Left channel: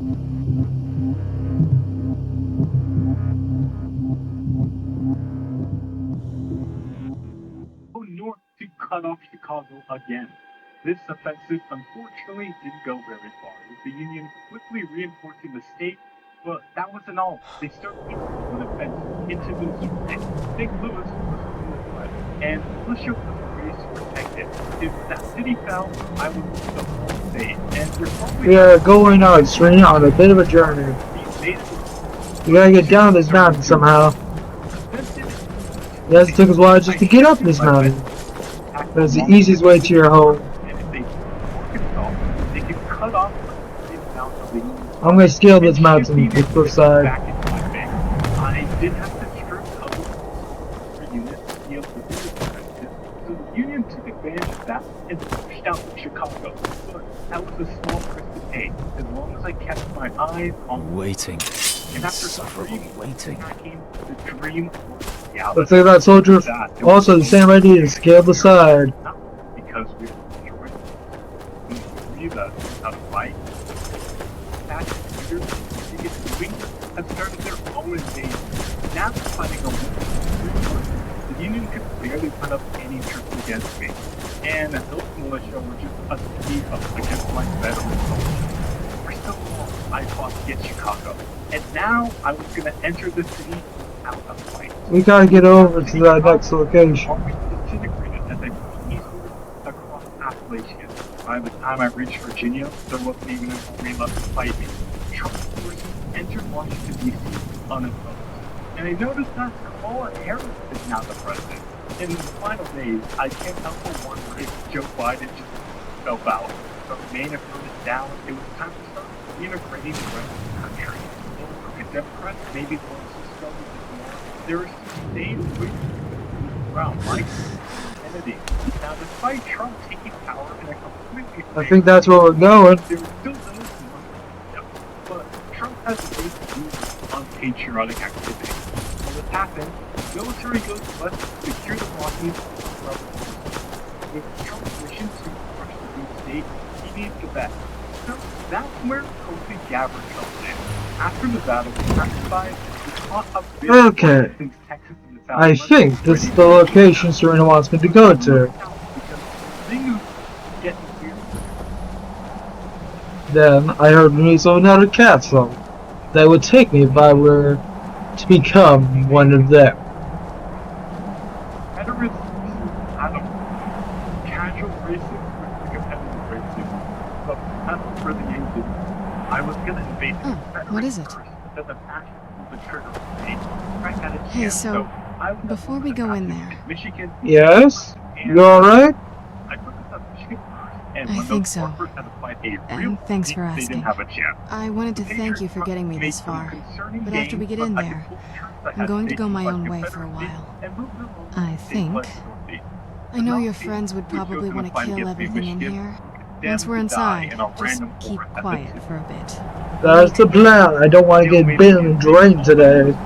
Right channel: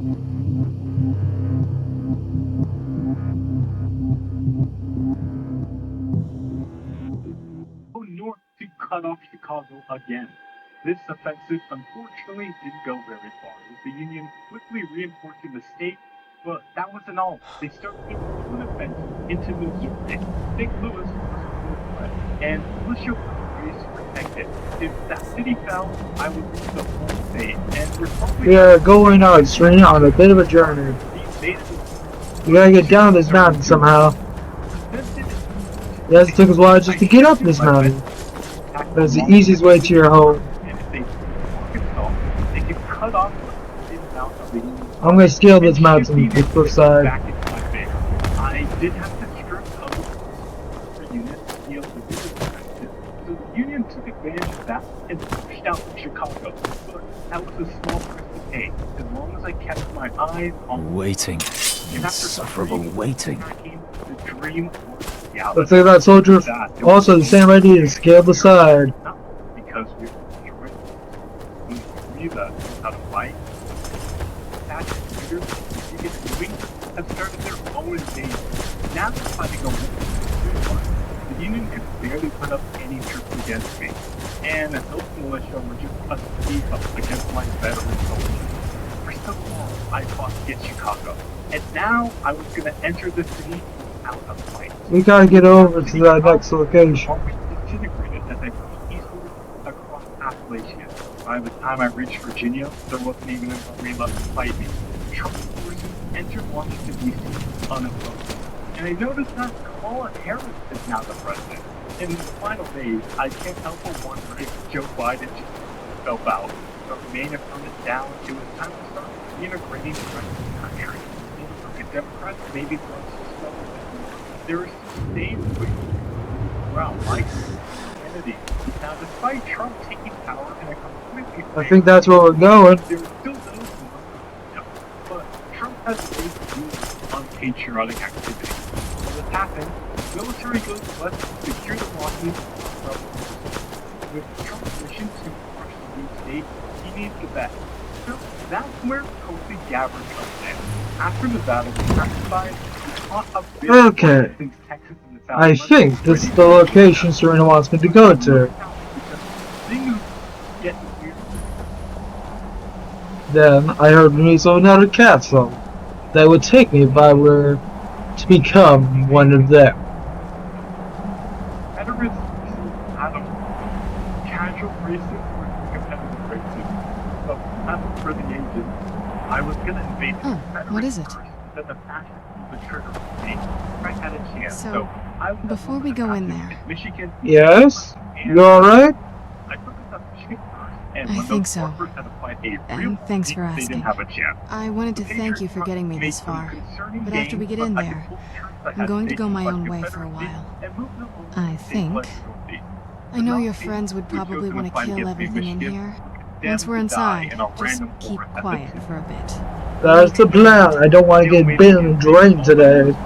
North to cut off Chicago again. This offensive unfortunately didn't go very far, with the Union quickly reinforcing the state, but that wasn't all. They started their own offensive into Missouri. St. Louis was under threat, and militia was raised to protect it. If that city fell, I would lose the whole state, and we're probably... We are going out straight on a bit of a journey. We gotta get down this mountain somehow. Yes, it took us a while just to get up this mountain. But it's the easiest way to your home. I'm gonna scale this mountain to the first side. I did have to strip cover for units to be able to do this offensive, so the Union took advantage of that and pushed out from Chicago. But that was a small price to pay, as long as I kept my eyes on waiting. Insufferable waiting. The dream was reality. Let's say that soldier also the same idea to scale the side. Because we were destroyed. We agree that how to fight. Leaders, you get moving, have started their own invasion. Now they're fighting a war. The Union could barely put up any troops against me. And those militia were just a speed up against my veteran soldiers. For so long, I fought to get Chicago. And now I was going to enter the city without a fight. We gotta get over to that next location. Disintegrated as I pushed eastward across Appalachia. By the time I reached Virginia, there wasn't even an army left to fight me. Trump's forces entered Washington, D.C. unopposed. And I noticed that Kamala Harris is now the president. In the final days, I can't help but wonder if Joe Biden just fell out. But Maine had thrown it down. It was time to start reintegrating the rest of the country. Well, the crooked Democrats maybe want to struggle with more. There are some states waiting around, like Kennedy. Now, despite Trump taking power in a completely... I think that's where we're going. There are still those who want to, but Trump has a way to do unpatriotic activity. When this happens, the military goes west to secure the Rockies from rebel forces. With Trump's mission to crush the deep state, he needs the best. So that's where Tulsi Gabbard comes in. After the battle was pacified, we caught a bit of since Texas and the South. I think this is the location Serena wants me to go to. Then I heard news of another castle that would take me if I were to become one of them. Casual racism versus competitive racism. But as for the agent, I was gonna invade the what is it? first, but then the passion pulled the trigger for me. I had a chance, Hey, so before we go in there, Michigan. Yes? You alright? I focused on Michigan first, and I when think those so. workers had applied a real And thanks for they asking. didn't have a chance. I wanted to thank you for getting me this far, but after we get in there, I'm going to go my own way for a while. I think. I know your friends would probably want to kill everything in here. Once we're inside, just keep quiet for a bit. That's the plan. I don't want to get bitten and drained today.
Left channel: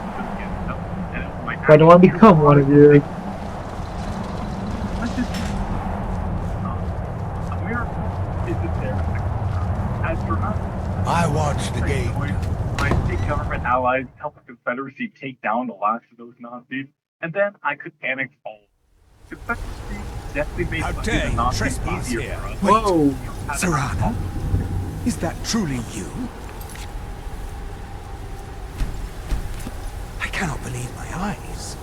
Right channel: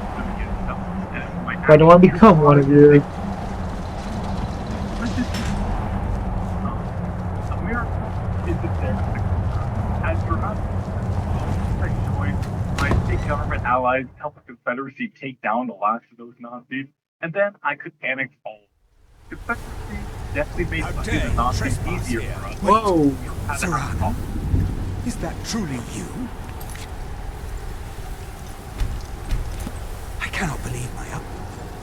I don't want to become one of you. I watched the game. My state government allies helped the Confederacy take down the last of those Nazis, and then I could annex all. The Confederacy definitely made fighting the Nazis easier for us. Whoa! Serrano, is that truly you? I cannot believe my eyes.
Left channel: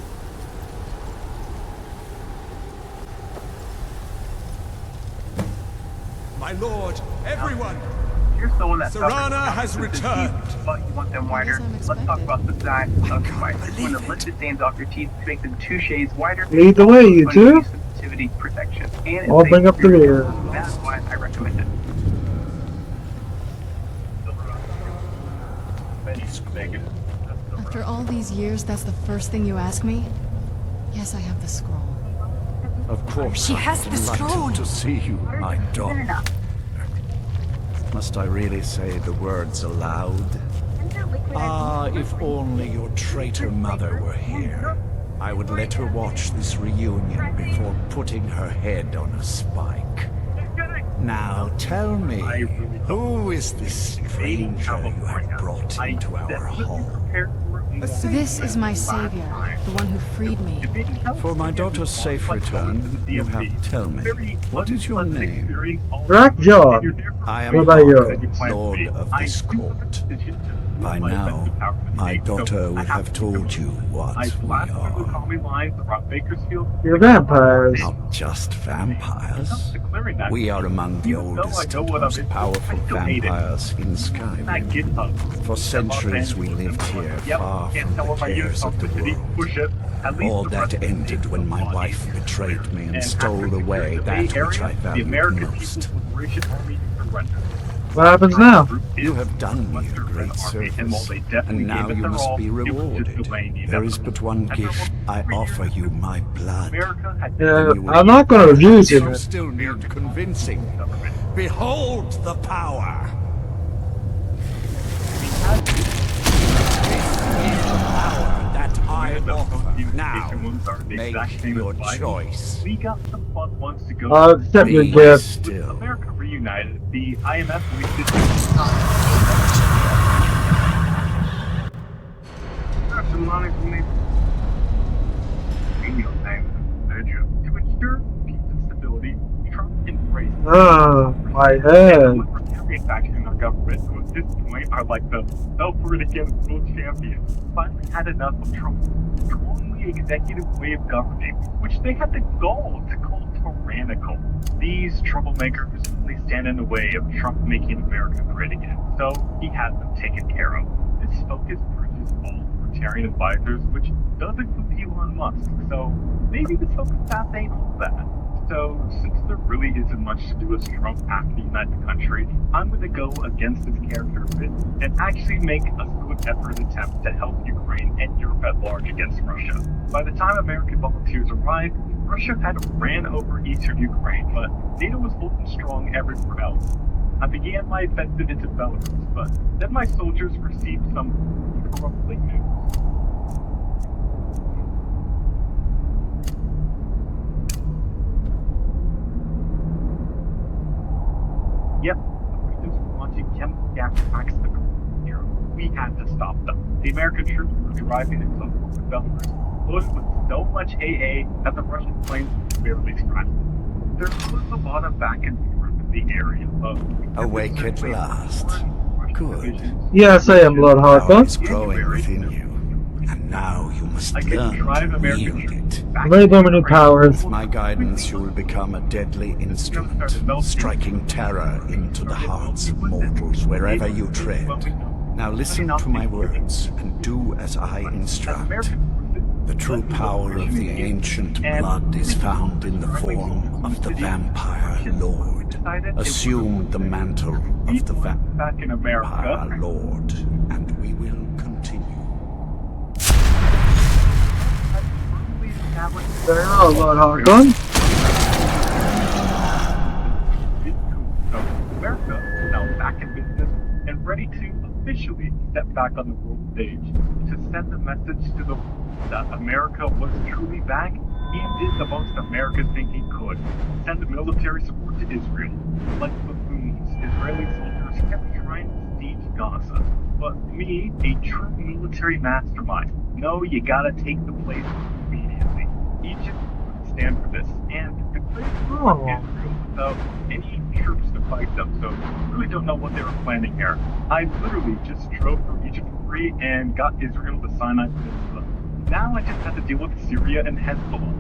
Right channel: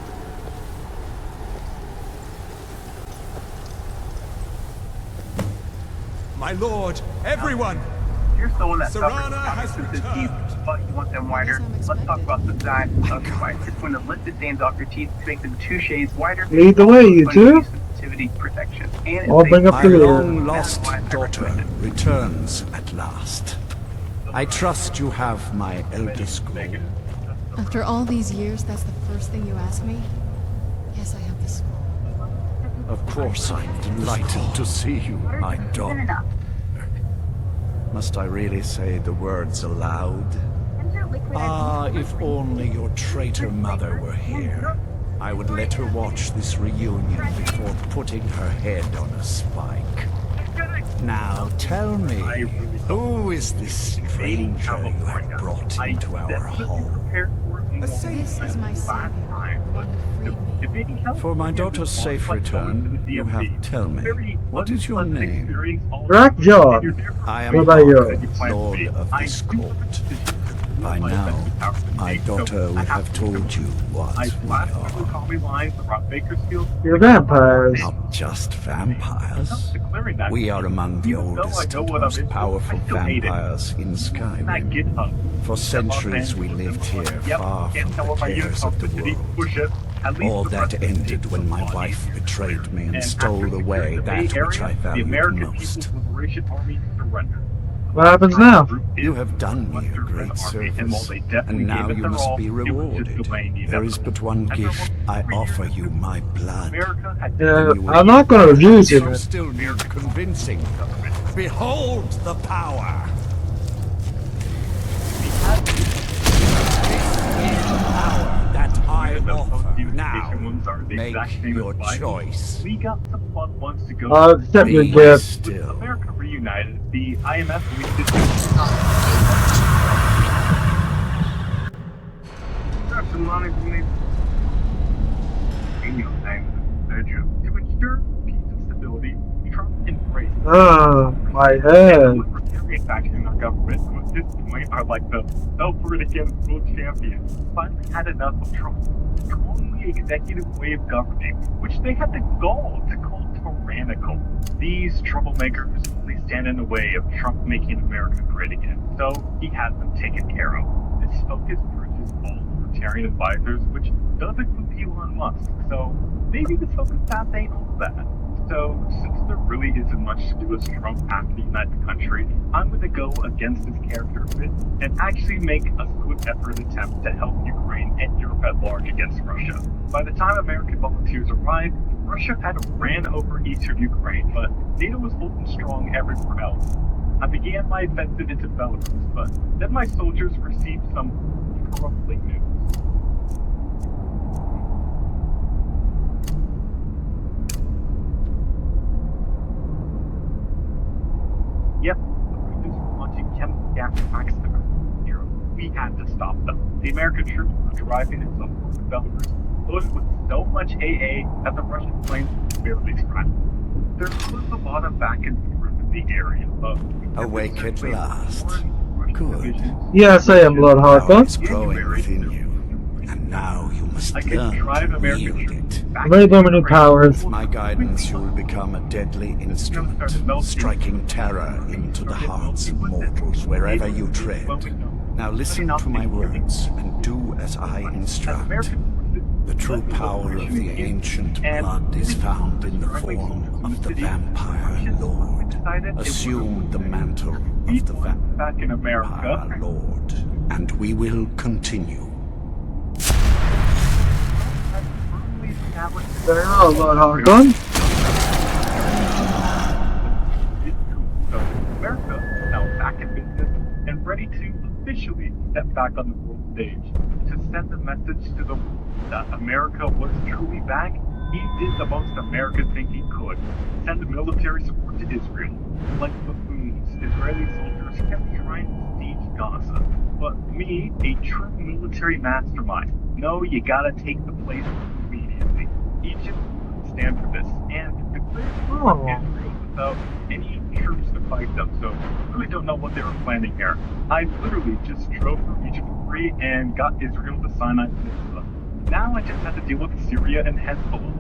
My lord, everyone! Here's someone that Serrano has returned. But you want them wider. Let's talk about the design of the white. When the lifted stains off your teeth make them 2 shades wider. Lead the way, you two. Sensitivity protection. And I'll bring up the rear. My lost daughter returns at last. I trust you have my Elder Scroll. After all these years, that's the first thing you ask me? Yes, I have the scroll. Of course, I'm delighted to see you, my daughter. Must I really say the words aloud? Ah, if only your traitor mother were here. I would let her watch this reunion before putting her head on a spike. Now tell me, I really don't. who is this stranger you have brought into our hall? This is my savior, the one who freed me. For my daughter's safe return, you have to tell me, what is your name? Black John. I am What about you? Hawk, Lord of this court. By now, my daughter would have told you what we are. You're vampires. Not just vampires. We are among the oldest and most powerful vampires in Skyrim. For centuries we lived here, far from the cares of the world. All that ended when my wife betrayed me and stole away that which I valued most. What happens now? You have done me a great service, and now you must be rewarded. There is but one gift. I offer you my blood. I'm not going to abuse you, You man. still need convincing. Behold the power! Power that I offer. Now, make your choice. We got some fun ones to go. Accept your Be gift. still. America reunited. The IMF released got some money from me. To ensure peace and stability, Trump embraced Oh, my head. libertarian faction in our government, who at this point are like the self-against world champions, finally had enough of Trump's strongly executive way of governing, which they had the gall to call tyrannical. These troublemakers only stand in the way of Trump making America great again, so he has them taken care of. This focus purges all libertarian advisors, which does include Elon Musk, so maybe the focus path ain't all that. So, since there really isn't much to do with Trump after to unite the country, I'm going to go against his character a bit and actually make a good effort attempt to help Ukraine and Europe at large against Russia. By the time American volunteers arrived, Russia had ran over eastern Ukraine, but NATO was holding strong everywhere else. I began my offensive into Belarus, but then my soldiers received some troubling news. Yep, the Russians were launching chemical gas attacks across Europe. We had to stop them. The American troops were driving into the port of Belarus, loaded with so much AA that the Russian planes barely scratched them. There was a lot of back and forth in the area, but Awake at last. Good. Yes, I am Lord Power Harper. is growing within you, and now you must I can learn drive to American wield troops it. back Very into many Ukraine. powers. With my guidance, you will become a deadly instrument, striking terror into the hearts of mortals wherever you tread. Now listen to my words, and do as I instruct. The true power of the ancient blood is found in the form of the vampire lord. Assume the mantle of the back in America. vampire lord, and we will continue. Very well, Lord Harper. So America is now back in business and ready to officially step back on the world stage to send a message to the world that America was truly back. He did the most American thing he could: send military support to Israel. Like buffoons, Israeli soldiers kept trying to siege Gaza. But me, a true military mastermind, no, you gotta take the place immediately. Egypt would stand for this and declared war on Israel without any troops to fight them, so really don't know what they were planning here. I literally just drove through Egypt for free and got Israel to Sinai Peninsula. Now I just have to deal with Syria and Hezbollah.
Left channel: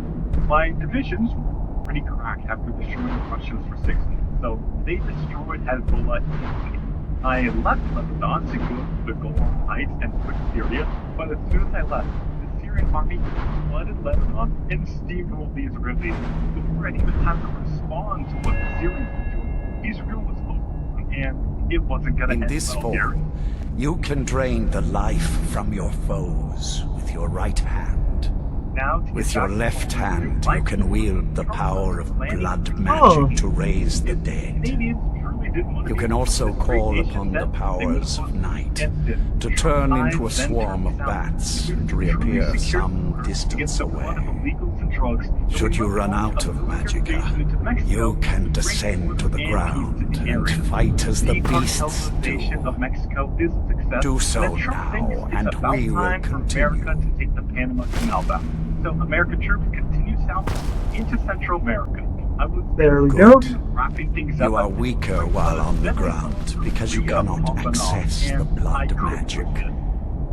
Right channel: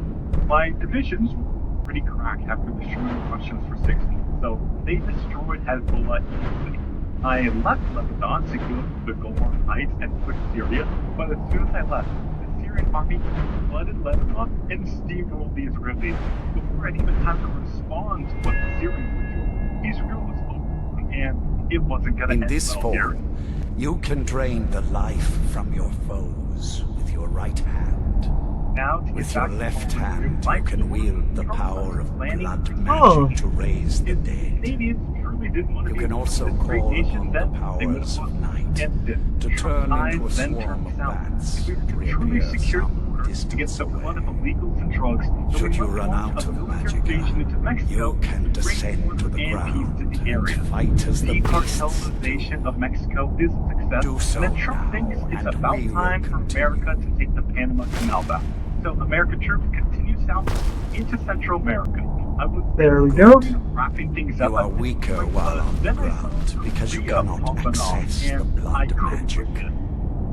My divisions were pretty cracked after destroying the Russians for 6 months, so they destroyed Hezbollah easily. I left Lebanon to go to the Golan Heights and push Syria, but as soon as I left, the Syrian army flooded Lebanon and steamrolled the Israelis. Before I had even time to respond to what the Syrians were doing, Israel was over, and it wasn't gonna In end this well here. form, you can drain the life from your foes with your right hand. Now, to With get your back to left what we hand, do, you can wield the Trump power was of planning blood to magic to raise the If dead. Canadians truly didn't want to You be can also this great call nation, upon the then they powers would of night against it. to Trump turn into a eyes then swarm turned of south. bats If we and truly reappear secured the some border distance against the flood of away. illegals and drugs, then Should we you must run launch out a of military invasion magicka, into Mexico you can to bring descend order to the and peace ground to the and area. fight as the beasts Decartelization of do. Mexico is a success. Do so and then Trump now, thinks it's and about we will time for America continue. to take the Panama Canal back. So American troops continue south into Central America. I was There we go. wrapping things You up are at this weaker point, while but on the then I ground saw because you Korea cannot popping off, access the and I blood couldn't magic. resist.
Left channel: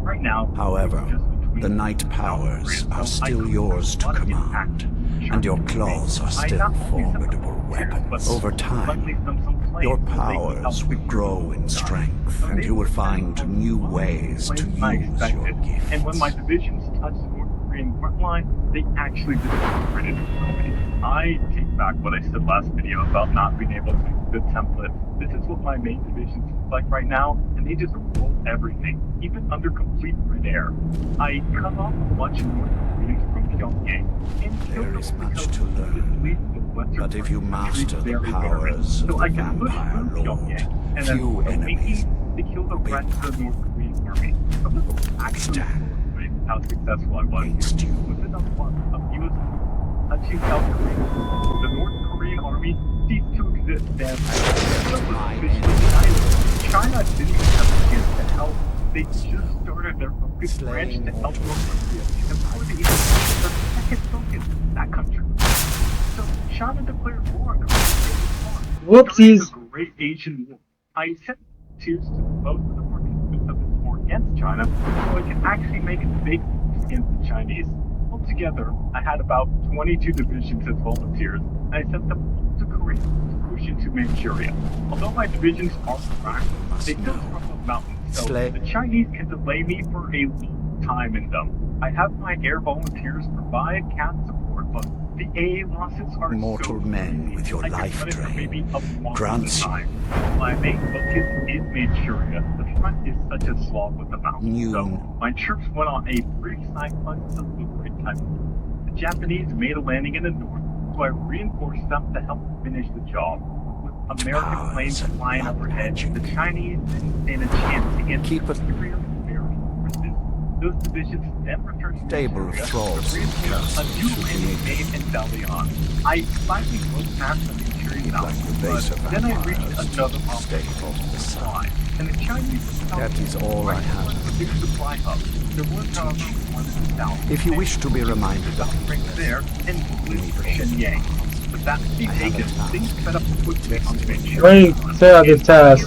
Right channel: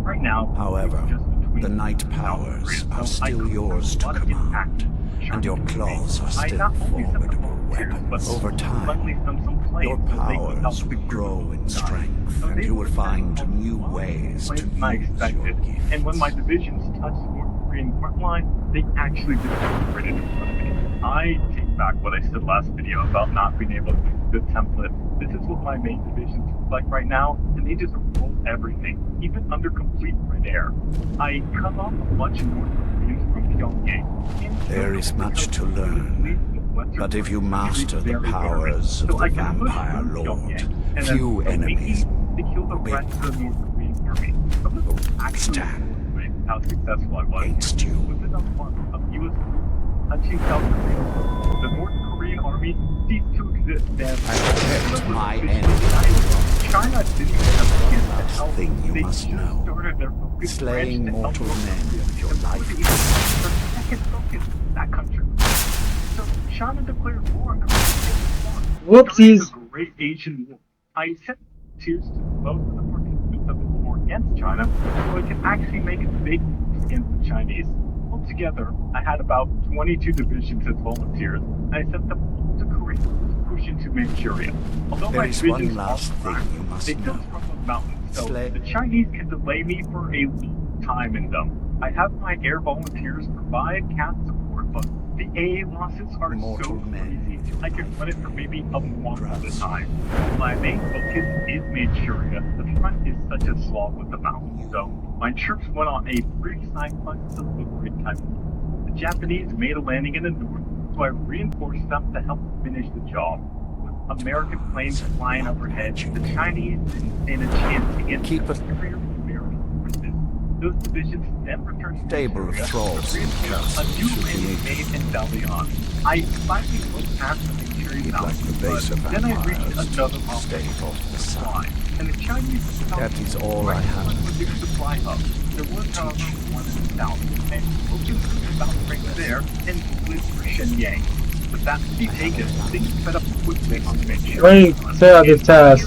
Right now, However, it's just between the night South powers Korea, are so I still could yours have to a lot of impact. command, and your claws are I still not only sent the formidable volunteers, but weapons. Over friendly time, some planes your so they could help powers will secure grow the in sky. strength, So and they you will would send find a new lot more ways to planes than I use your expected. And when my gifts. divisions touched the North Korean front line, they actually disintegrated in front of me. I take back what I said last video about not being able to make the template. This is what my main divisions look like right now, and they just roll everything, even under complete red air. I cut off a bunch of North Koreans from Pyongyang. There is much to learn, but if you master the powers of the Vampire Lord, few enemies to kill the will rest of the North Korean army. Some of them actually stand how successful I was. against you. Within a month of U.S. troops touching South Korea, the North Korean army ceased to exist, and My China didn't even have a chance to help. Thing you They must just know. started their focus branch Slaying to help mortal North men Korea. with your And life. their second focus, that country. So China declared war on Korea in response. Whoopsies. During the Great Asian War. I sent tears to most of the participants of this war against China, so I could actually make a big move against the Chinese. Altogether, I had about 22 divisions as volunteers, and I sent them all to Korea to push into Manchuria. Although my There is divisions one are last thing cracked, you must they still know. struggle mountains, so Slay- the Chinese can delay me for a long time in them. I have my air volunteers provide CAT support, but the AA losses are Mortal so men crazy. with your I can life run it for drain maybe a month at a grants time. While my main focus is Manchuria, the front is such a slog with the mountains, so my troops went on a brief side quest to liberate Taiwan. The Japanese made a landing in the north, so I reinforced them to help finish the job. With American planes flying overhead, the Chinese didn't stand a chance against Keep the it- superior American forces. Those divisions then returned to Stable of Manchuria thralls to and reinforce a castles new should be landing needed. made in Dalian. I finally broke past the Manchurian Like mountains, the base but of then I reached vampires, another stay obstacle, off the the sun. supply, and the Chinese were That is all I have. a new supply hub. There was, however, one in the south. If you and wish to be focused reminded about of right this, there and blue for Shenyang. With that city I have taken, a plan. things sped up quickly on Manchuria. Wait, say out this task.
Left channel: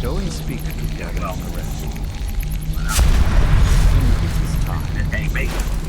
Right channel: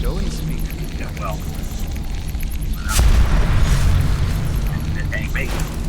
Go and speak to Gavin Well. and the rest.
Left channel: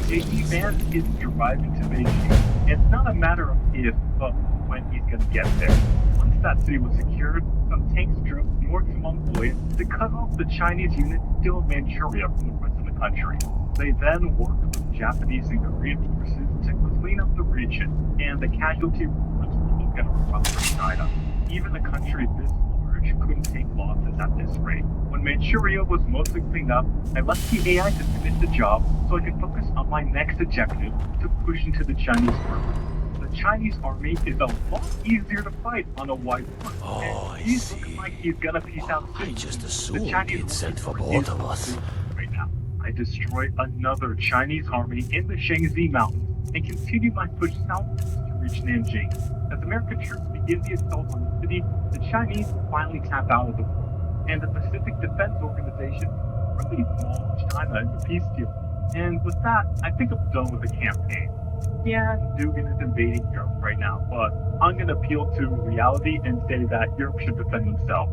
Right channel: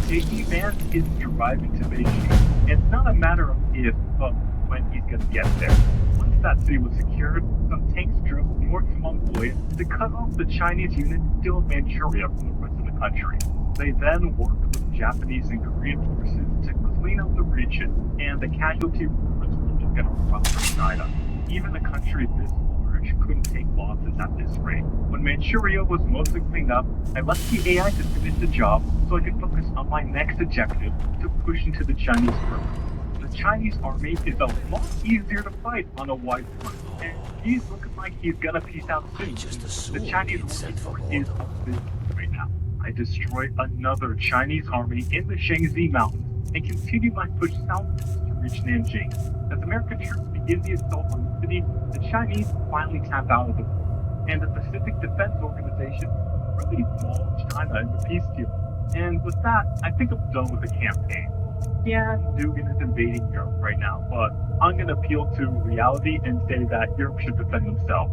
JD Vance is driving to Beijing. It's not a matter of if, but when he's gonna get there. Once that city was secured, some tanks drove north to Mongolia to cut off the Chinese unit still in Manchuria from the rest of the country. They then worked with Japanese and Korean forces to clean up the region, and the casualty reports were looking around for China. Even a country this large couldn't take losses at this rate. When Manchuria was mostly cleaned up, I left the AI to finish the job so I could focus on my next objective to push into the Chinese front. The Chinese army is a lot easier to fight on a wide front. And he's looking like he's gonna piece out soon. just The assumed Chinese he'd sent for army both of us. right now. I destroy another Chinese army in the Shangzi Mountains and continue my push south to reach Nanjing. As American troops begin the assault on the city, the Chinese finally tap out of the war, and the Pacific Defense Organization really mauls China in the peace deal. And with that, I think I'm done with the campaign. Yeah, Dugan is invading Europe right now, but I'm gonna appeal to reality and say that Europe should defend themselves.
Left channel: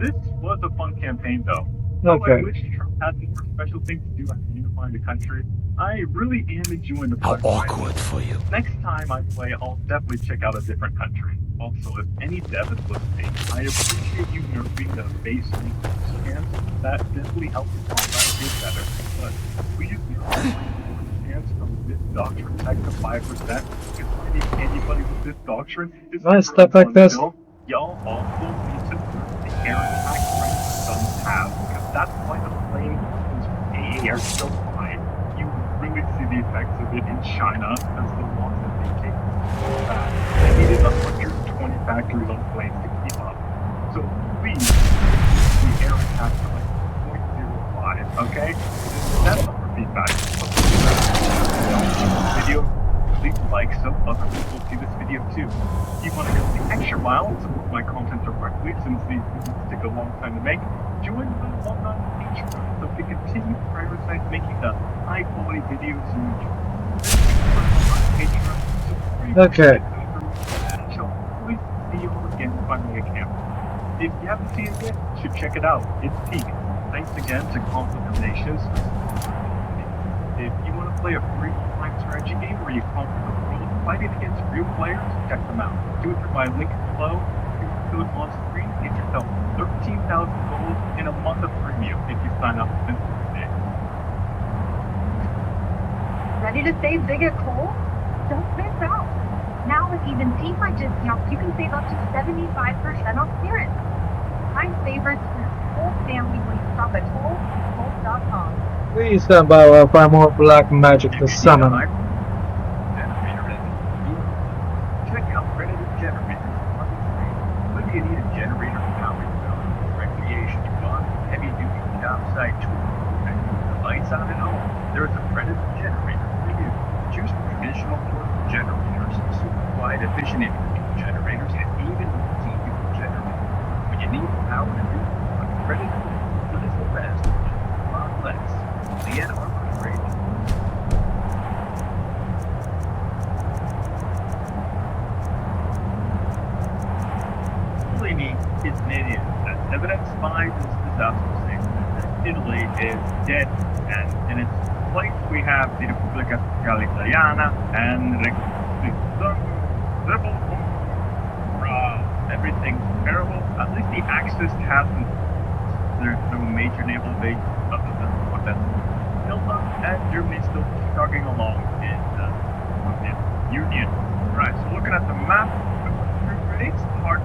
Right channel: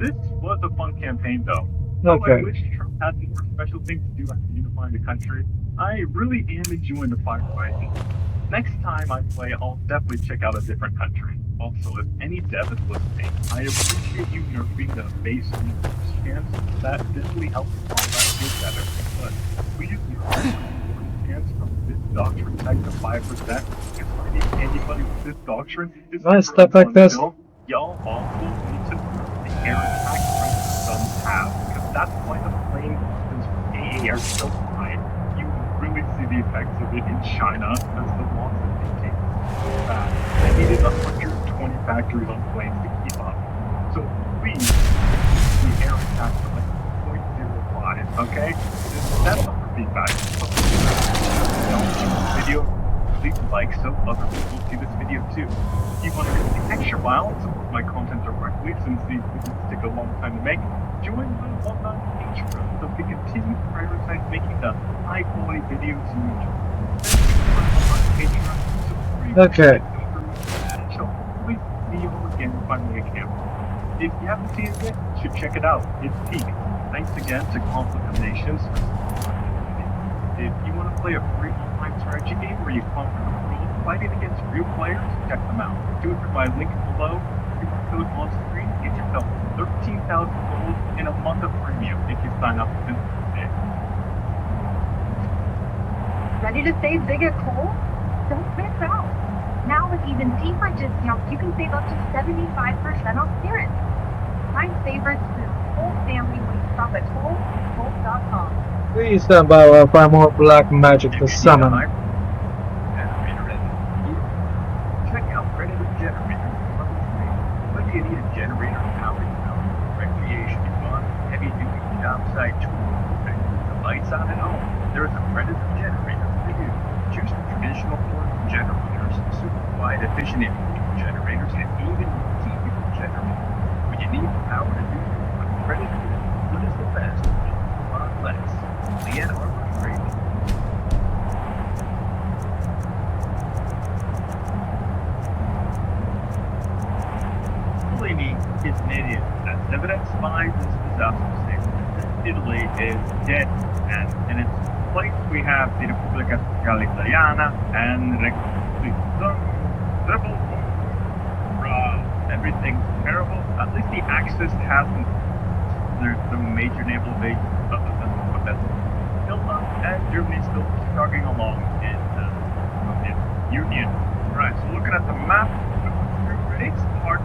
This was a fun campaign, though. Though I Okay. wish Trump had more special things to do after unifying the country, I really am enjoying the How firefight. awkward for you. Next time I play, I'll definitely check out a different country. Also, if any dev is listening, I appreciate you nerfing the base resource chance. That definitely helps the combat get better. But please nerf the resource chance from this doctrine tech to 5%. Because fighting anybody with this doctrine is Nice super stuff like this. unfun. Y'all also need to nerf the air attack rank guns have, because that's why the flame weapons from AA are so high. You really see the effects of it in China as the loss that they take so bad. They needed 120 factories on planes to keep up. So please, the air attack to like 0.05, okay? That's not for feedback. Video, please like so other people see this video too. If you want to go the extra mile and support my content directly, since these videos take a long time to make, join my alumni Patreon so we can continue to prioritize making the high quality videos you enjoy. Okay. And shall hopefully see you all again by my account. If you haven't seen it yet, you should check it out. It's peak. Thanks again to Conflict of Nations for sponsoring this video. If you want to play a free online strategy game where you conquer the world fighting against real players, check them out. Do it through my link below. QR code on screen. Get yourself 13,000 gold in a month of premium if you sign up within 3 days. Ready to save big at Kohl's? Don't miss out. Now with even deeper discounts, you can save up to 75% off clearance. Find favorites for your whole family when you shop at Kohl's.com. Please stand by while I find more black magic to summon. Check out Predator Generators on the screen. Whether you need a generator to power your building, recreation you want, heavy duty job site tools, the lights on at home, there is a Predator Generator for you. Choose from traditional portable generators, super quiet, efficient intermittent generators, and even multi-fuel generators. When you need the power to do what Predator is, it is the best, a lot less. Leanne Arbor Trade. Mussolini is an idiot. That's evidence by this disaster statement. Italy is dead, and in its place we have the Repubblica Sociale Italiana and everything's terrible. At least the Axis hasn't. There's no major naval base other than what that's built up, and Germany's still chugging along in the Soviet Union. Right, so looking at the map, rates part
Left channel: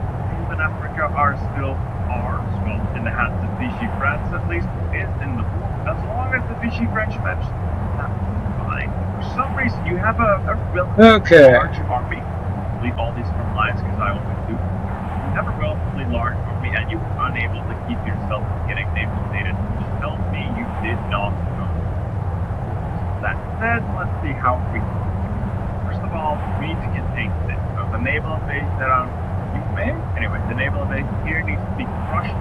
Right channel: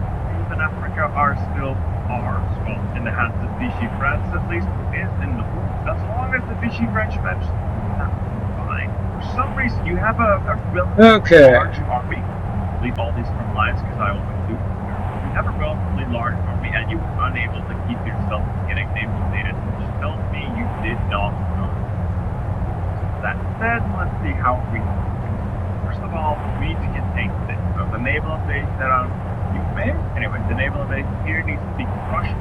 in Africa are still ours. Well, in the hands of Vichy France at least, is in the war. As long as the Vichy French manage, that's fine. For some reason, you have a relatively large army. Leave all these from lines because I always do. You have a relatively large army and you were unable to keep yourself from getting naval stated, which tells me you did not run. That said, let's see how we do. First of all, we need to contain this. So the naval base that the naval base here needs to be crushed,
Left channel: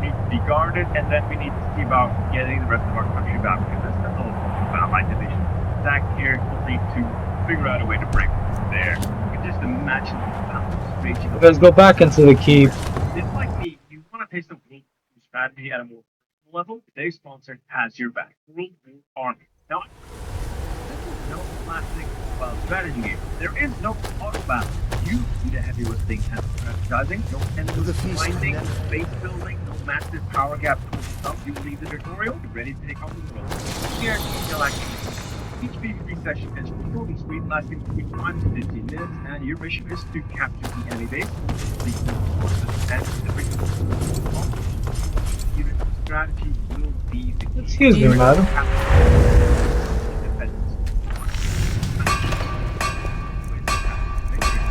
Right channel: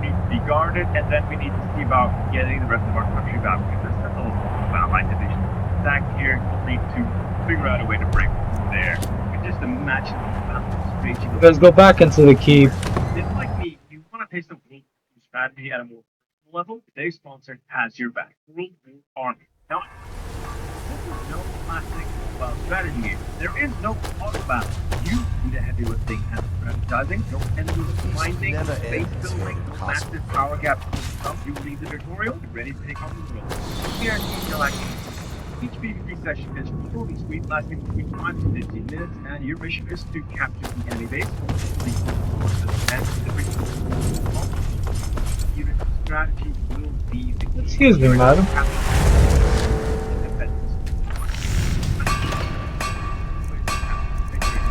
needs to be guarded, and then we need to see about getting the rest of our country back. Because this is all about my division. Back here, we'll need to figure out a way to break there. You can just imagine the balance raging. Let's go back into the keep. If like me, you want to taste the world strategy at a more personal level, today's sponsor has your back. World War Army. Now, this is no classic strategy game. There is no auto battle. You do the heavy lifting and strategizing. No endless grinding, base building, no massive power gap. You leave the tutorial, you're ready to take on the world. Here, you're like, each PvP session is fully sweet, lasting between 5 to 15 minutes, and your mission is to capture the enemy base, complete the forces, and the strategy will be the key. Excuse me, madam.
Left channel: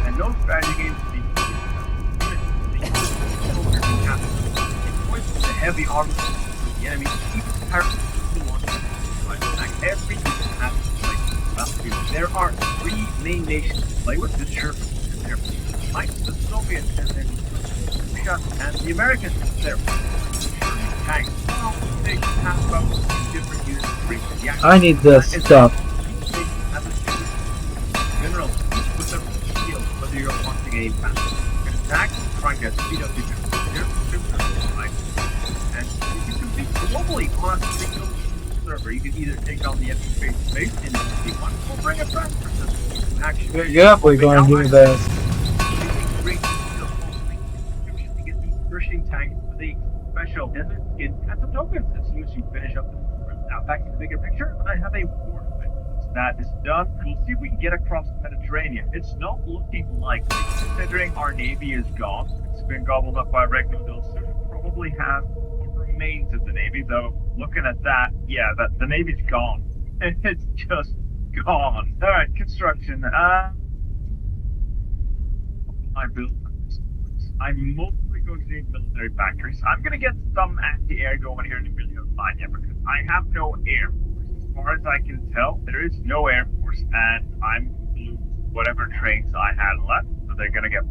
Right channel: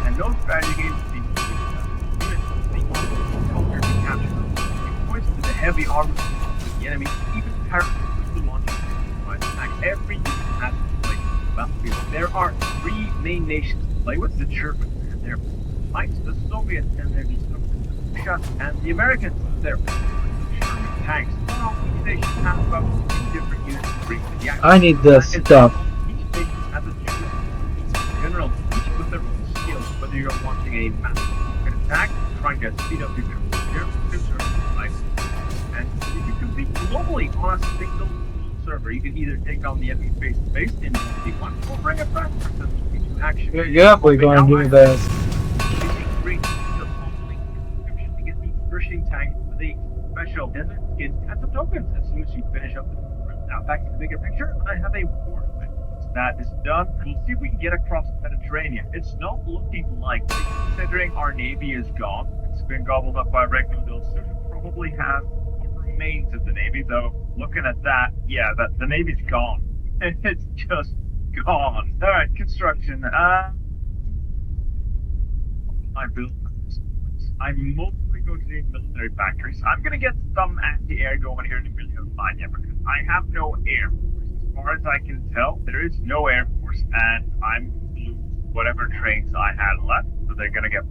And no strategy games will be the heavy armor with the enemy, even parachutes will launch attack every unit has to play battlefield. There are 3 main nations to play with: the Germans and their tanks, the Soviets and their Russia, and the Americans and their German tanks. Well, each nation has about 2 different units to bring to the action. I need this stuff. Each nation has a general, each with their own skills, whether you're launching a massive attack, trying to speed up your and if you compete globally on a single server, you can either take on the enemy face-to-face in 1v1 or bring a friend for some action. You're definitely going to do this. Great skill to get these crushing tanks with a special desert skin and some tokens as soon as you finish up the run. Now back to the bigger picture, I have a war event. Once that is done, we'll see if we can get across the Mediterranean. It's not looking likely, considering our navy is gone. It's been gobbled up by Regno del Sud, who probably has remains of the Navy, though looking at that, yeah, the Navy's gone. It's just gone. Alright, construction. I built this. I'm mostly going to need military factories. I'm going to get some anti-air going here in Emilia-Romagna because I have no air force. As far as I can tell, there is no air force, and I'm going to lose whatever trains I had left, so they're going to get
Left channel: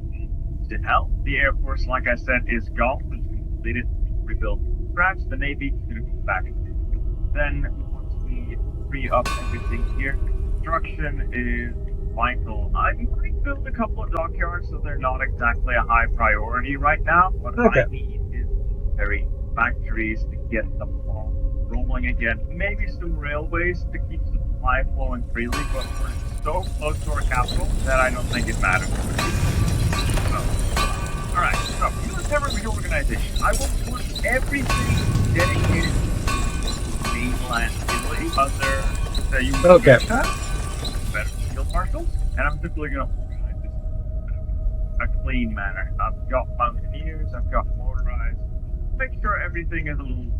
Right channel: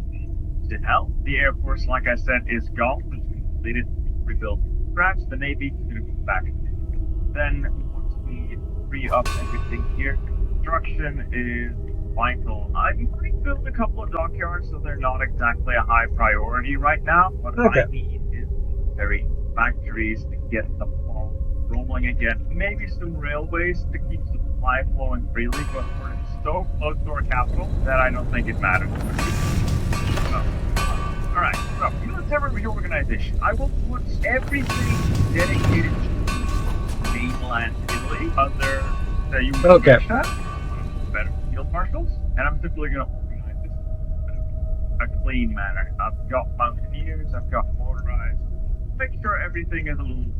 to hell. The air force, like I said, is gone. It's completed, rebuilt from scratch. The Navy is going to go back. Then once we free up everything here, construction is vital. I might build a couple of dockyards, so they're not exactly a high priority right now. What I need is military factories to get the ball rolling again. Maybe some railways to keep supply flowing freely, but we're so close to our capital that I don't think it matters. So, alright, so military reorganization. I will put everything dedicated to mainland Italy under the US better field marshals, and I'm simply going to organize this in a clean manner. I've got mountaineers, I've got motorized. Make sure everything is a little.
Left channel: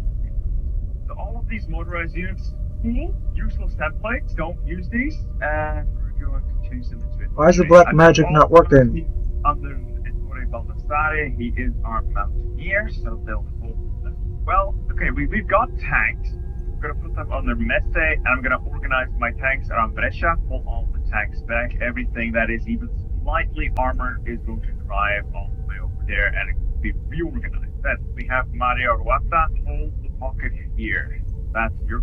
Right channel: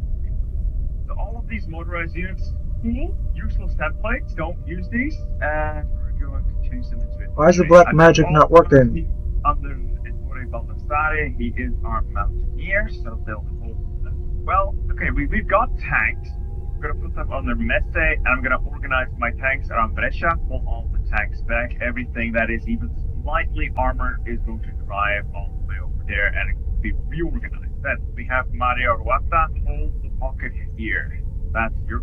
So all of these motorized units, useless templates, don't use these, and we're going to change them into. Why is the black magic not working? Under Ettore Baldassare, he is our mountaineer, so they'll hold that well. Okay, we've got tanks. I'm gonna put them under Messe, and I'm gonna organize my tanks around Brescia, pull all the tanks back. Everything that is even slightly armored is going to drive all the way over there, and it will be reorganized. Then we have Mario Ruata, hold the pocket here. That's your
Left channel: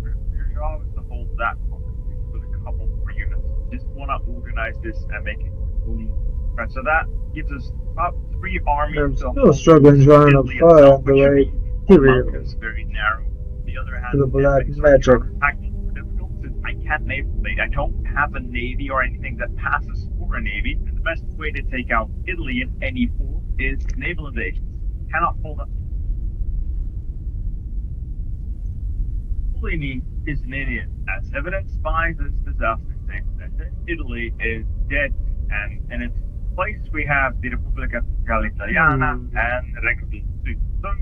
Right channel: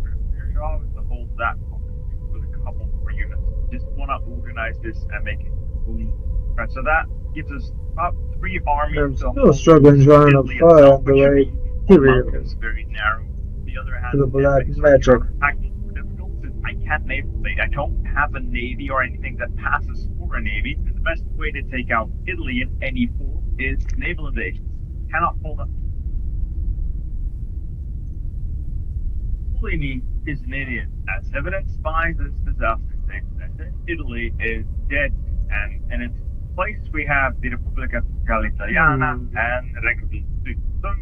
job, is to hold that pocket with a couple more units. Just wanna organize this and make it clean. Right, so that gives us about 3 armies. I'm still struggling drawing a file on the way here. It's very narrow. The other hand, to the black magic. Difficult since I can't naval invade. I don't have a navy or anything that passes for a navy. And the best way to take out Italy in any form is naval invasion. Cannot hold up. Mussolini is an idiot, as evidenced by this disaster statement. Italy is dead, and in its place we have the Repubblica Fiscale Italiana and Regno del Sud.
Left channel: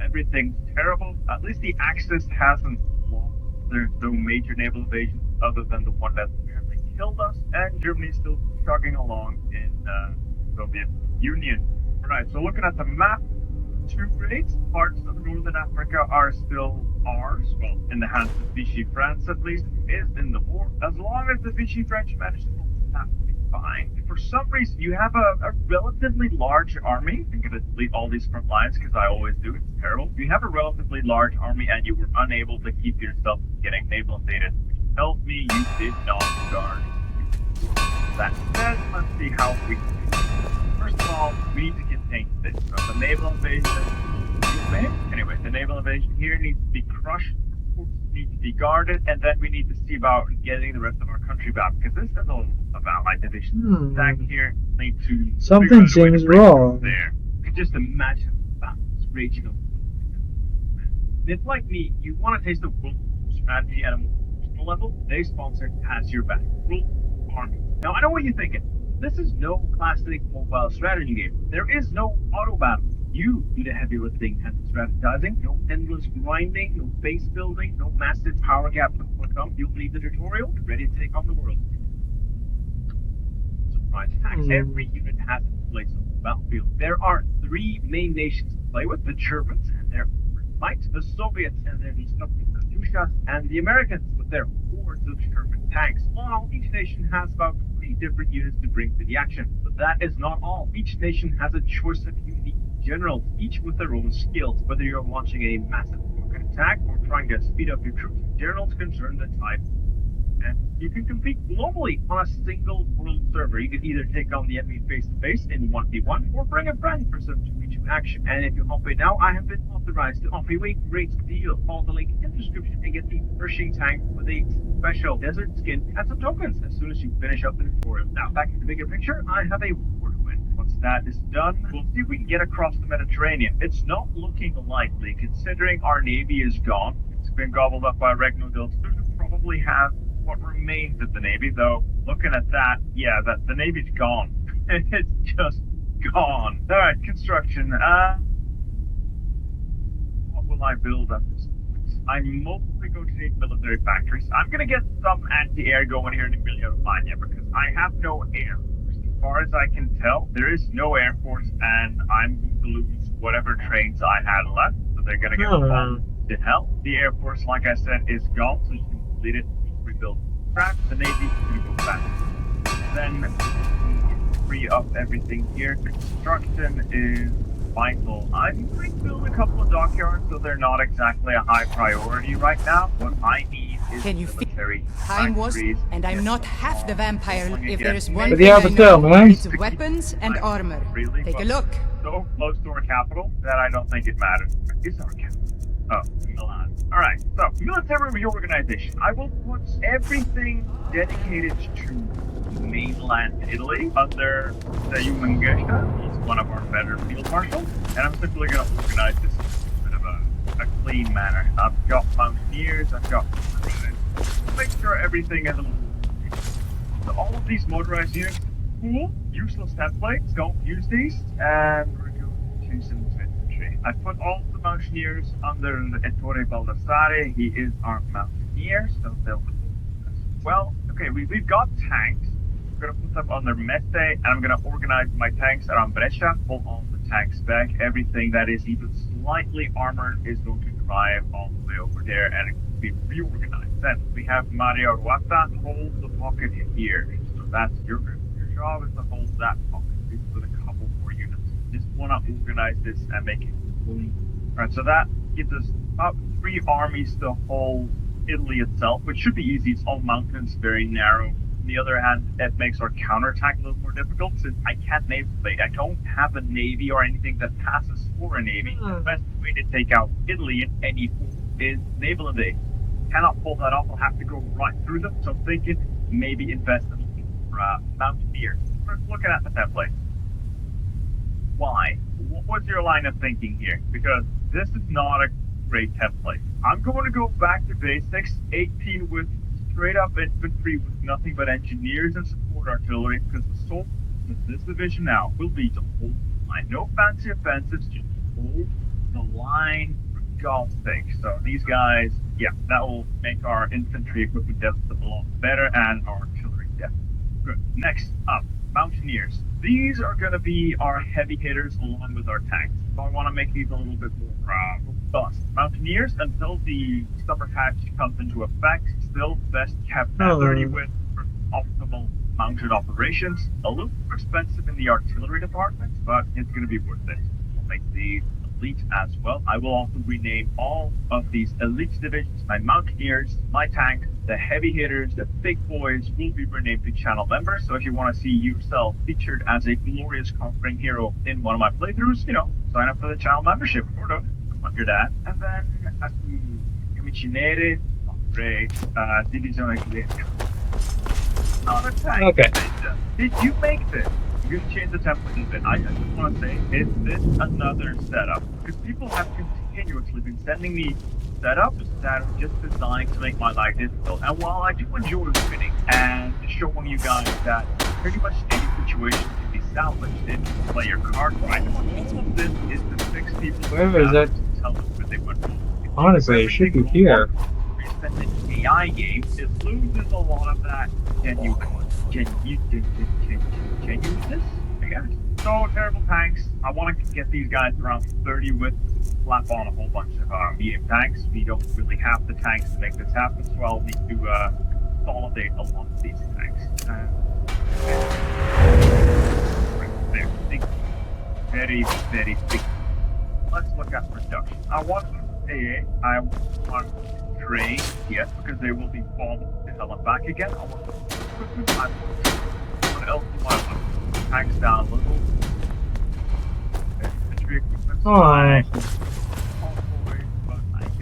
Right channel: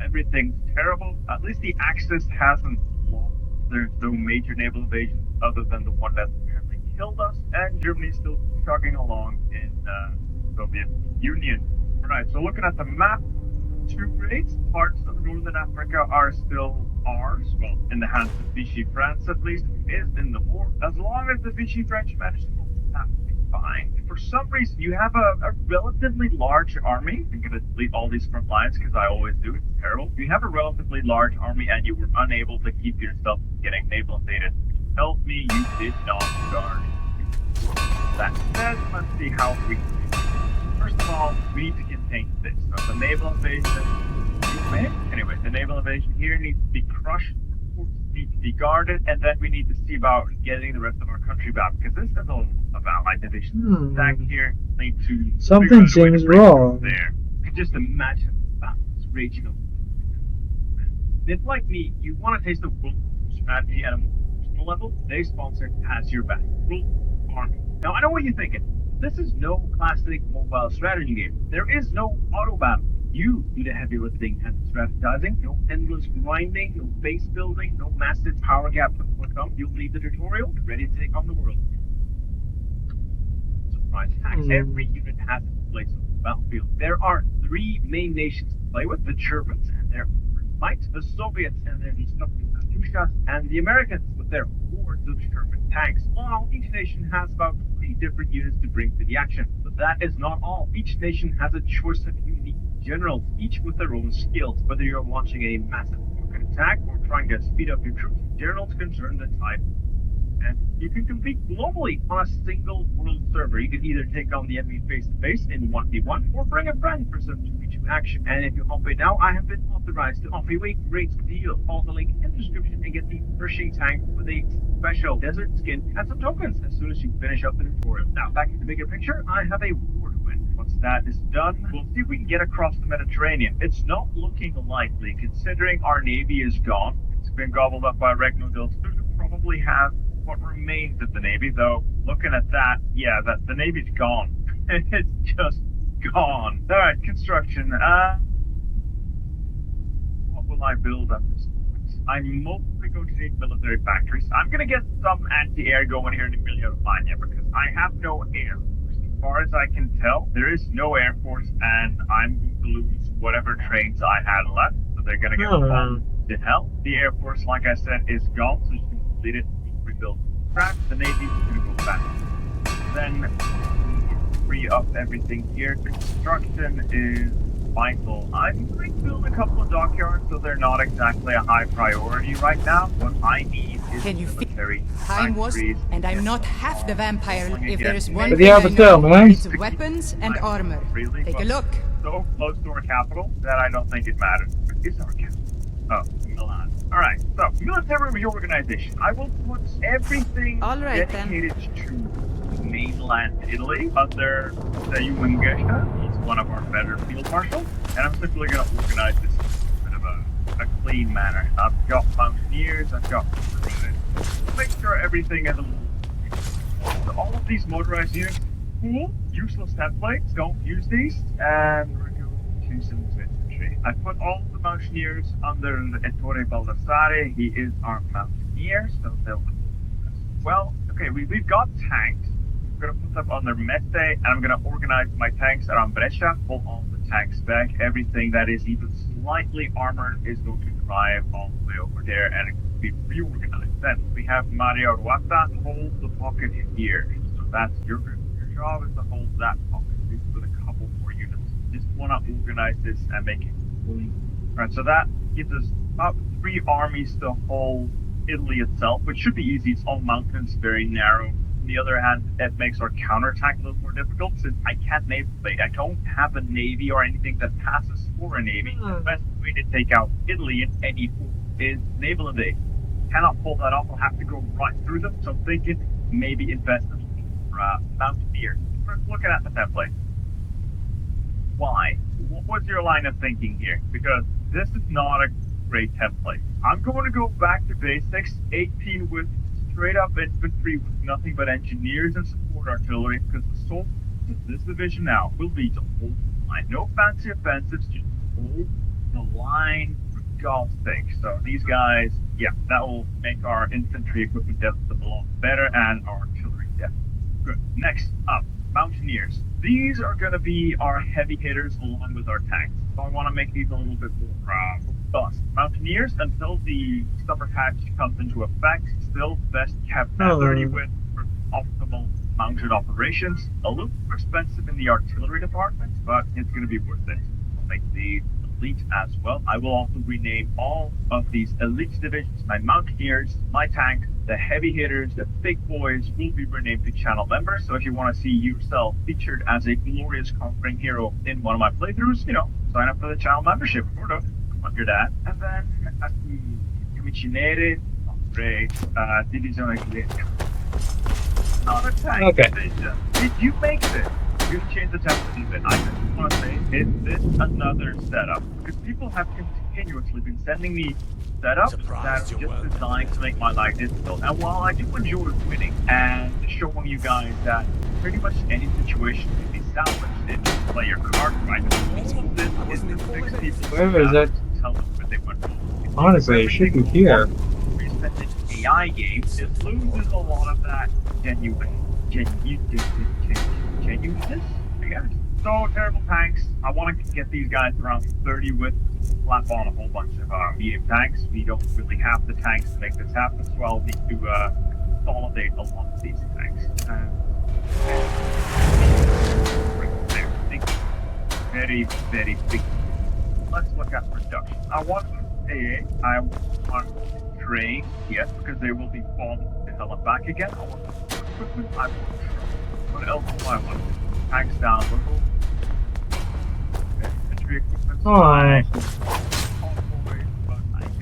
Everything's terrible. At least the Axis hasn't lost. There's no major naval invasions other than the one that apparently killed us, and Germany's still chugging along in Soviet Union. Alright, so looking at the map, 2 great parts of Northern Africa are still ours. Well, in the hands of Vichy France at least, is in the war. As long as the Vichy French manage to hold that, will be fine. For some reason, you have a relatively large army. I'm going to delete all these front lines because I always do. It's terrible. You have a relatively large army and you were unable to keep yourself from getting naval invaded. Tells me you did not guard. That said, let's see how we can. First of all, we need to contain this. So the naval invasion, anyway, the naval invasion here needs to be crushed. Needs to be guarded, and then we need to see about getting the rest of our country back, because this is a lot of allied divisions. Back here, need to. Something seems wrong. There, you can just imagine that raging over. If, like me, you want to taste the world strategy at a more personal level, they sponsor Has Your Back. World Army. Now, I know what you're thinking. This is no classic mobile strategy game. There is no auto battle. You do the heavy lifting and strategizing. No endless grinding, no base building, no massive power gap to overcome. You'll leave the tutorial ready to take on the world. Surprise attacks. Every unit has its place on the battlefield. There are 3 main nations to play with: the Germans and their might, the Soviets and their destructive Katyushas, and the Americans with their hordes of Sherman tanks. Well, each nation has about 20 different units to bring to the action. But that is not all. Each nation has a choice of unique generals, each with their own skills. Whether you're launching a massive rocket attack or trying to speed up your troops, generals can turn the tide. And you can compete globally on a single world server. You can either take on the enemy face-to-face in 1v1 or bring a friend for some 2v2 action. And if you hop in now, I have been authorized to offer you a great deal. Follow the link in the description and get the Pershing tank with a special desert skin and some tokens as soon as you finish up the tutorial. Now, back to the bigger picture, I have a war to win. Once that is done, we'll see if we can get across the Mediterranean. It's not looking likely, considering our navy is gone. It's been gobbled up by Regno del Sud, who probably have what remains of the Navy, though looking at that, yeah, that the Navy's gone. It's just gone. Alright, construction. What will I build at this point? I'm mostly going to need military factories. I'm going to get some anti-air going here in Emilia-Romagna because I have no air. far as I can tell, there is no Air Force, and I'm going to lose whatever trains I had left. So they're going to get bombed to hell. The Air Force, like I said, is gone, so you can complete it, rebuild track. The Navy is going to go back. Then we free up everything here. Construction is vital. I'm going to build a couple of dockyards, so they're not exactly a high priority right now. What I need is military time was, factories. and I'm not half the vampire. If there is one But thing you I have to know, tell, man. it's weapons and armor. Really, Take a but look. so close to our capital that I don't think it matters. Is our capital? Oh, Milan. Alright, so military reorganization. I will put everything All right, dedicated to mainland Italy under the Gesha. He's one of our better field marshals. And I'm simply going to organize this in a bit of a clean manner. I've got mountaineers, I've got make sure everything is a little. So all of these motorized units, useless templates, don't use these, and we're going to some infantry. I put all of the mountaineers under Ettore Baldassare. He is our mountaineer, so they'll hold as well. Okay, we've got tanks. We're going to put them under Mette, and I'm going to organize my tanks around Brescia, pull all the tanks back. Everything that is even slightly armored is going to drive all the way over there and be reorganized. Then we have Mario Ruata hold the pocket here. So that's your job is to hold that pocket with a couple more units. Just want to organize this and make it clean. Alright, so that gives us about 3 armies to hold Italy itself, which should be easy. It's all mountains, very narrow. On the other hand, it makes our counterattack a little more difficult since I can't naval base. I don't have a navy or anything that passes for a navy. The best way to take out Italy in any form is naval invade. Cannot pull that off. I'll have to go right through them. So I'm thinking maybe invest in mountaineers. We're looking at the template. Why? What was your line of thinking here? Because this is not a great template. I'm going to go back to basics. 18 with straight up infantry with nothing but engineers and support artillery, because the soul of this division now will be to hold the line. No fancy offensives, just hold the line for God's sake. So these guys, yeah, that will make our infantry equipment deficit a lot better and our artillery deficit. Good. Next up, mountaineers. These are going to be our heavy hitters along with our tanks. So I want to make these a little bit more robust. Mountaineers, until the summer patch comes into effect, still best kept at 30 with for optimal mounted operations. A little more expensive in the artillery department, but it's going to be worth it. I'll make these elite as well. I will also rename all of these elite divisions. My mountaineers, my tank, the heavy hitters, the big boys will be renamed to channel members. So if you want to see yourself featured as a glorious conquering hero in one of my playthroughs, sign up for the channel membership. I'm not your dad. And then as the Amicinere, Divisione Cliente. Not a tank. Okay. Did you make this? We're going to change the template a bit. I just want to say, is this another setup? Because people have continuously been sending me setups that are just designed to make my life difficult. And while I do enjoy winning and showing you guys that pretty much any situation can be salvaged if you play your card right, all of this is to fix people. Where is it? Tell them where they went wrong. Honestly, it should be here. AI games, it loses a lot of that genuineness, I guess. So, terrible tanks. I want to get these guys around 30 with, slap on a whole bunch of medium tanks. We don't really have the tanks to make this happen, so I'll need to consolidate a lot of these tanks. Right there. Big, very, very big. Let's look at production. I want AA. I want train, yes, because they will be bombed to hell and back again. I want equipment. I want else do I want? Tanks down a little. Infantry equipment.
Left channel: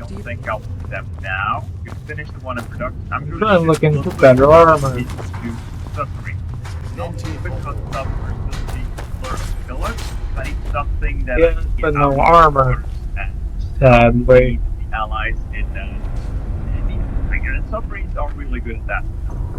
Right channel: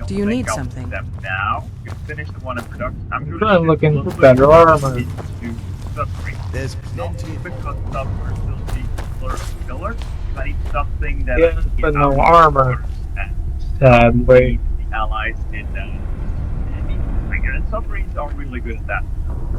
Do you need something? Them now. You can finish the one in production. I'm I'm looking for better armor. There's plenty because submarines still need pillars. I need something that Yeah, but no armor. Sadly. The allies in and submarines are really good at that.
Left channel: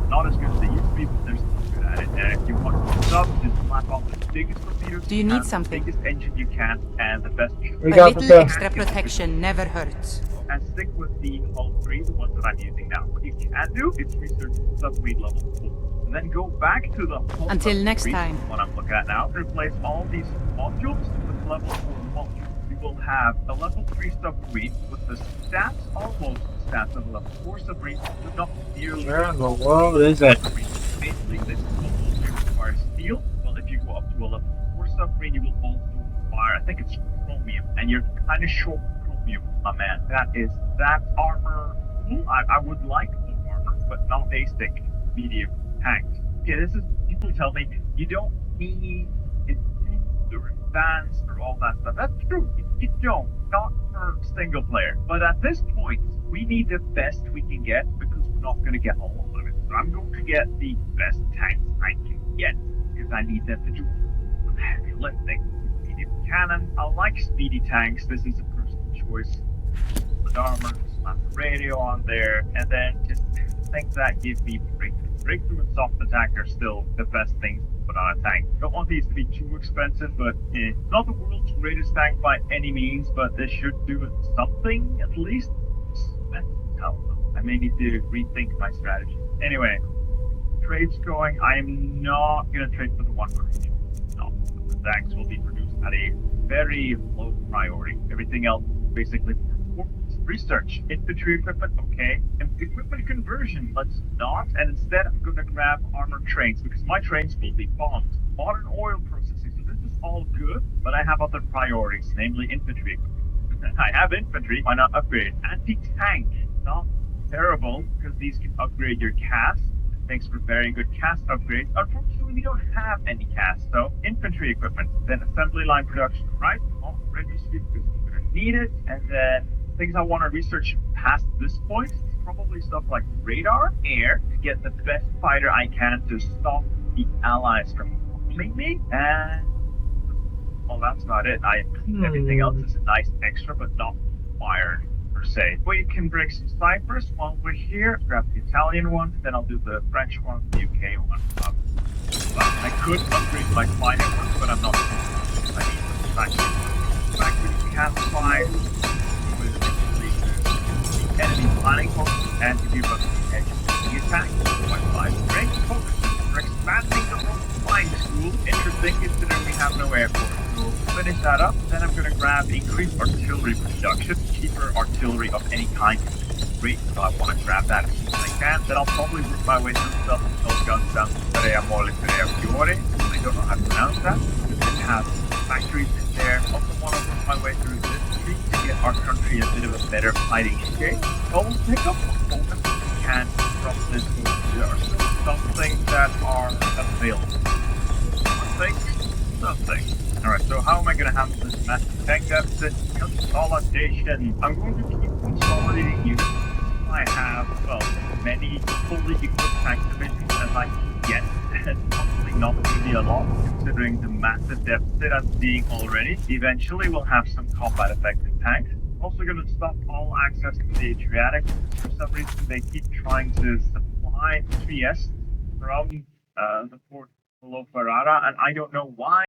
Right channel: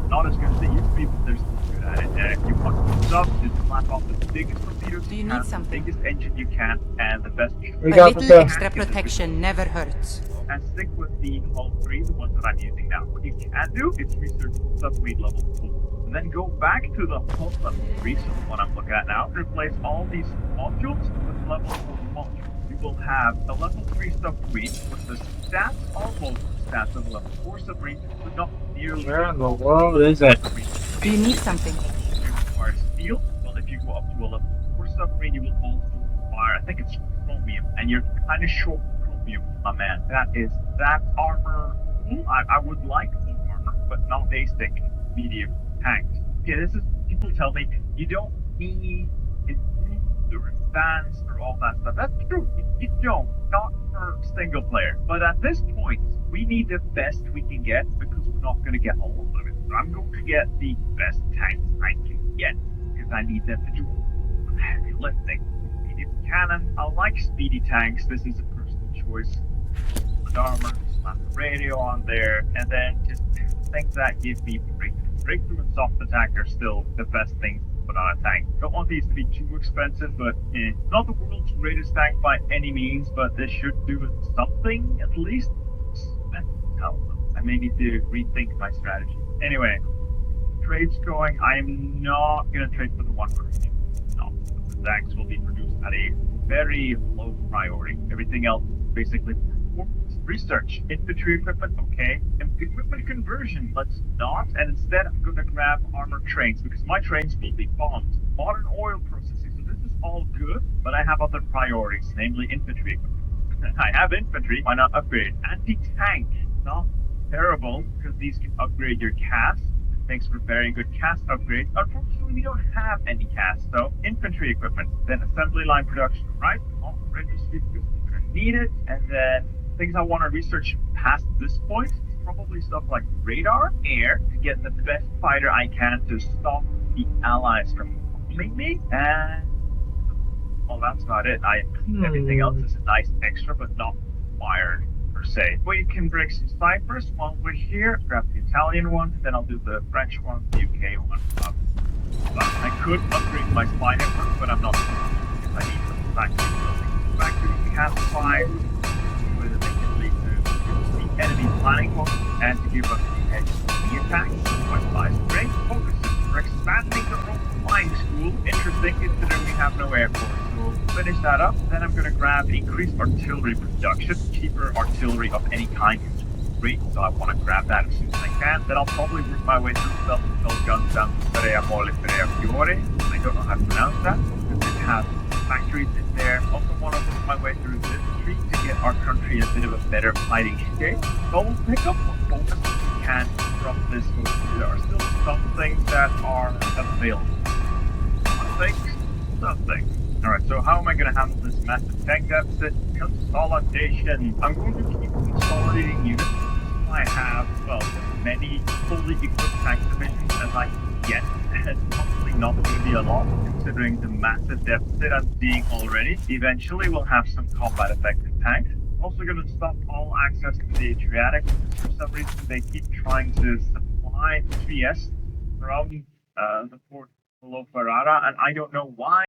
Not as good as they used to be, but they're still good at it. And if you want subs, just slap off the biggest torpedoes Do you need something? the biggest engine you can, and the best. We A got little the extra protection never hurts. And stick with the hull 3, the ones that I'm using now. What you can do is research submarine level 4. and then go back to the whole Until level next 3, time. what I'm looking at now, replace all these modules with level 4 modules. You will have a level 3 submarine with the stats, almost stats of a level 4 submarine, but not nearly. Where in the world is it? Do you need something? You require steel. Well, if you go up to a level 4 submarine, you will also require, I think it's chromium, and you're kind of short chromium, my man. That armor. I would like more armor, but not basic medium tanks. Okay, this is, people tell me you don't need improved or advanced or all that stuff. That's true. You don't. Not for single player. But at this point, we need the best we can get because we're not going to get all of it. So I'm going to get the best tanks I can get because I need them to do heavy lifting. Medium cannon. I like speedy tanks. This is a personal choice. With armor, slap the radio on there, and then just things that give me breakthrough. Breakthrough and soft attack are still the best things to put on a tank. Don't want these to be too expensive, but not the world's greatest tank by any means, but this should do something at least. I may need to rethink my strategy. Anyway, trade's going. I am not going to trade for the one crate. No, the tanks will be produced at a very low priority. Everything else basically research. Infantry equipment, okay. And equipment conversion, let's not. And instead, I'm going to grab armored trains because my trains will be bombed. Modern oil processing, so this is all good, but I have other priorities, namely infantry equipment. I have infantry, why not upgrade? Anti-tank, not terrible, because these can upgrade your cast. Thanks for very good cast upgrades. Unfortunately, we don't have any cast, so infantry equipment. Then assembly line production, right? Not registry because we're going to need it. And then things I want to research past this point is probably stuff like radar, air, to get the best fighter I can to stop the allies from bombing me. And well, that's about it. Everything else is a nice extra, but not required per se. We can break some ciphers while we're here. Grab the Italian one, then I'll do the French one, the UK one. I could upgrade my spy network, but I'm not because I need the factory cast fire with the enemy planning post and to give us the edge of the attack. My spy strength focuses. We're expanding the Rome flying school. Interesting considering we have no airport. So we'll finish that up. Then I'm going to grab increased artillery production. Cheaper artillery of any kind is great, so I want to grab that as soon as I can. Then I'll probably work my way through self-propelled guns down to Perea Mole, Perea Fiore. I don't know how to pronounce that. It has factories in there. Also want to work my way through this street to get our country in a bit of a better fighting shape. So we'll pick up what bonus we can from this move. There are still some things that are available. Something. Alright, so how am I going to handle this massive tank deficit? Consolidation. I'm going to keep consolidating units. I have, well, as many fully equipped tank divisions as I can get. It's probably not going to be a lot, considering the massive deficit I'm seeing already. Eventually, we'll have some combat-effective tanks. Also going to stop all access to the Adriatic, because for some reason they keep trying to supply Trieste from the port below Ferrara, and I don't know why.